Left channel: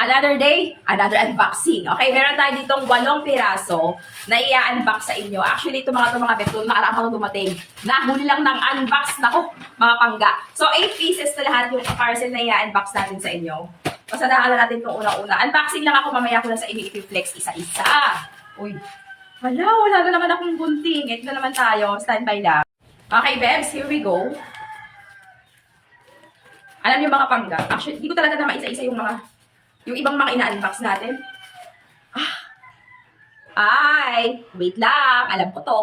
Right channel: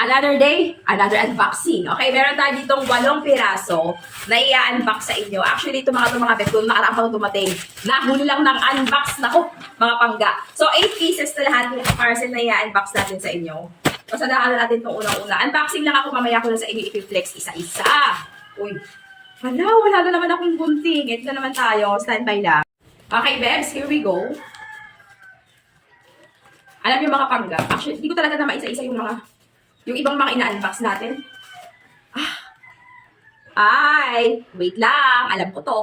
Another day, another unboxing. Okay, meron tayo ditong 8 piraso na i-unbox sa inyo. Actually, ito mga bet, kung nakaraang dumating, nahuli lang ng unbox na ko, mga pangga. So, 8 pieces na lahat yung parcel na i-unbox natin sa inyo. Pasadaan natin itong unang-una. Unboxing lang ako, mamaya ko lang sa inyo i-flex isa-isa. Uy, wala na naman akong gunting. Ito na naman tayo, standby lang. Okay, Bebs, here we go. Alam niyo mga pangga, actually, hindi ko talaga naman isa-isa yung ibang mga ina-unbox natin. Wait lang. Alam ko to.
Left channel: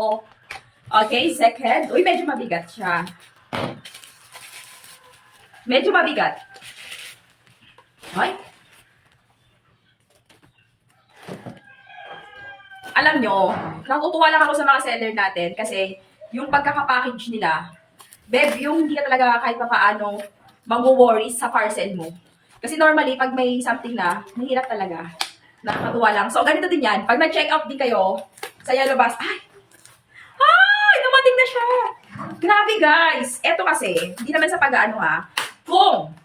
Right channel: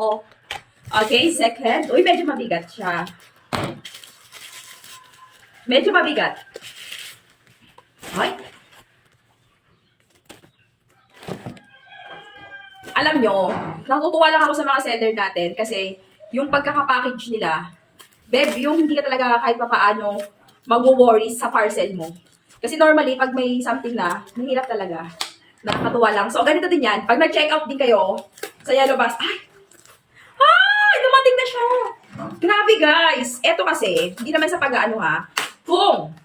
Okay, second. Uy, medyo mabigat siya. Medyo mabigat. Ay. Alam nyo, natutuwa lang ako sa mga seller natin kasi yung pagkakapackage nila, Beb, yung hindi ka talaga kahit pa paano mag-worry sa parcel mo. Kasi normally, pag may something na, mahirap talaga. Nakakatuwa lang. So, ganito din yan. Pag nag-check out din kayo sa Yellow Bus, dumating na siya. Grabe, guys. Eto kasi, hindi naman sa pag-ano ha. Kung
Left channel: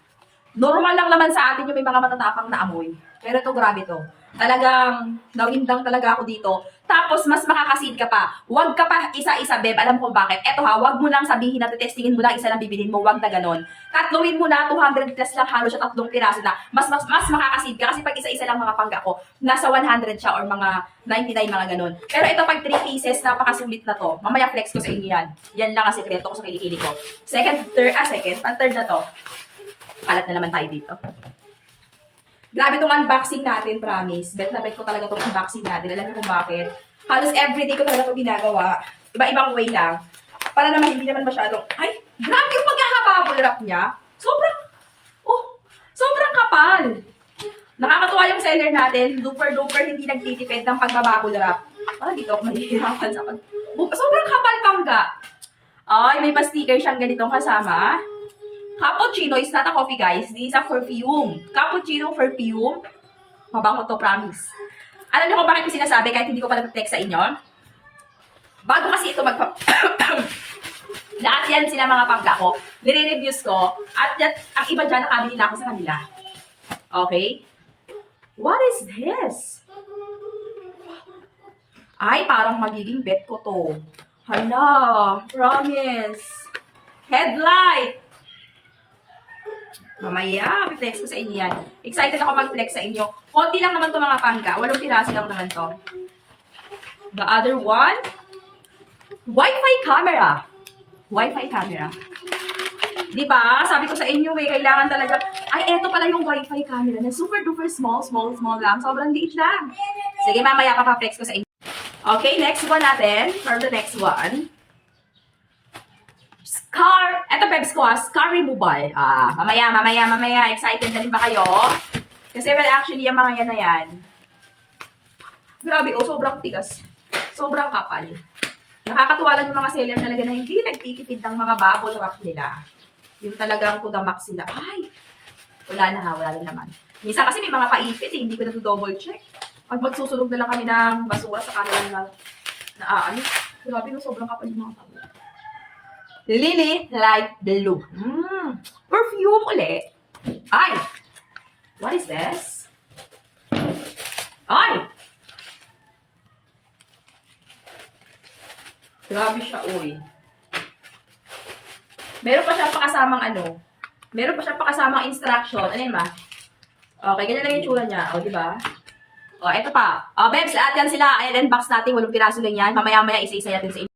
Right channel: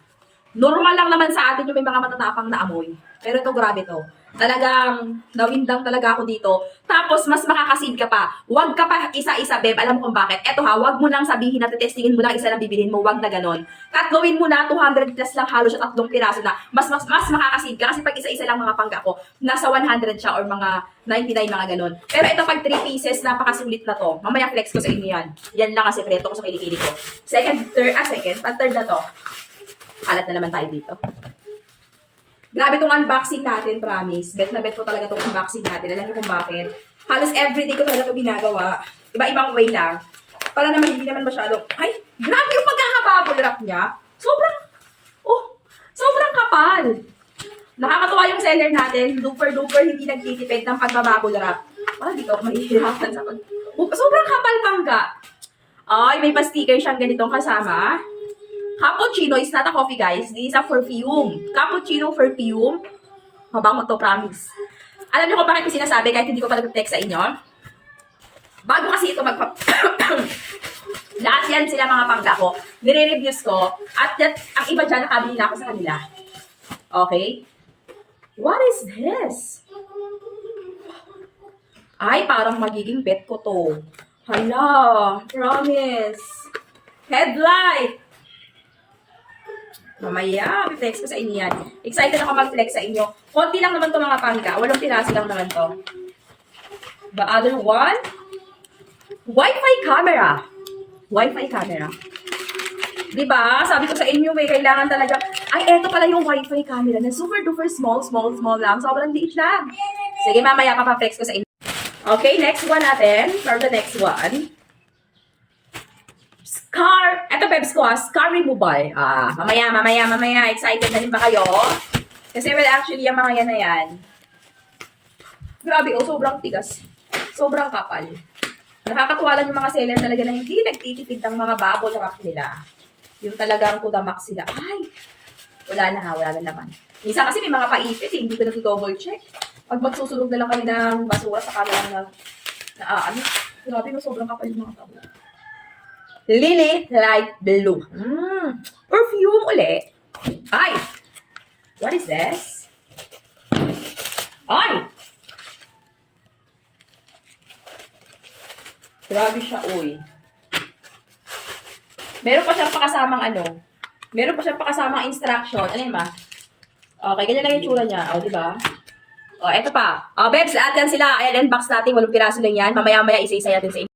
normal lang naman sa atin yung may mga matatapang na amoy. Pero ito, grabe to. Talagang nawindang talaga ako dito. Tapos, mas makakasid ka pa. Huwag ka pa isa-isa, Beb. Alam kung bakit. Eto ha, huwag mo lang sabihin na testingin mo lang isa lang bibilhin mo. Huwag na ganon. Tatluin mo na, 200 plus lang halos siya, 3 piraso na. Mas makakasid ka. Kasi pag isa-isa lang mga pangga ko, nasa 100 siya or mga 99 mga ganon. Pero ito pag 3 pieces, napakasulit na to. Mamaya flex ko sa inyo yan. Yan lang ang sekreto ko sa kilikili ko. Third na to. Kalat na naman tayo dito. Grabe itong unboxing natin, promise. Bet na bet ko talaga itong unboxing natin. Alam niyo kung bakit? Halos everyday ko talaga ito ginagawa. Iba-ibang way lang. Para naman hindi naman masyadong, grabe yung pagkakabubble wrap niya. Sobrang kapal. Nakakatuwa yung seller natin. Duper hindi nagtitipid ng pagbabubble wrap. Parang dito ako mahihirapan sa sobrang kapal pangga. Ay, may pa-sticker siyang ganitong kasama. Cappuccino is not a coffee, guys. This is a perfume. Cappuccino perfume. Mabango to, promise. Alam niyo kung bakit ko sinasabi kahit hindi ko pa nag-text sa inyo? Bago kasi ito lahat yan sila mga pangga ko. Nire-reviews ko. At ang iba dyan, nakabili na ako sa kanila. Okay? What is this? Ay, parang magiging bet ko to. Hala, promise. Headlight. Mamaya, flex ko sa inyo yan. Excited ako mag-flex sa inyo. Konti lang naman to mga pangga. 8 piraso lang naman to. The other one, Wi-Fi camera. Wi-Fi camera. Diba? Sabi ko sa inyo, kailangan talaga. Eto pala yung Wi-Fi camera na super duper small lang. Sobrang liit lang. Sige, mamaya papaflex ko sa inyo. Okay, next one natin. For the next one. Eto Bebs ko scar removal. Mamaya. Excited na rin ba kayo? Kasi well, actually, yung mga yan na yan. Grabe, sobrang tigas. Sobrang kapal. Nakakatuwa lang yung mga seller talaga na hindi nagtitipid ng mga bubble wrap nila. Yung talagang kudamak sila. Wala na naman. Minsan kasi may mga paipit hindi ko na-double check. Pag magsusunog na lang kami ng basura sa camera grabe, sobrang kapal yung mga bubble. Lily Light Blue. Perfume uli. What is this? Grabe siya, uy. Meron pa siyang pakasamang instruction. Ano yun, ma? Okay, ganyan lang yung tsura niya. Diba? Eto pa. Bebs, lahat yan sila. Ayan, unbox natin. 8 piraso lang yan. Mamaya-maya isa-isa natin sa inyo.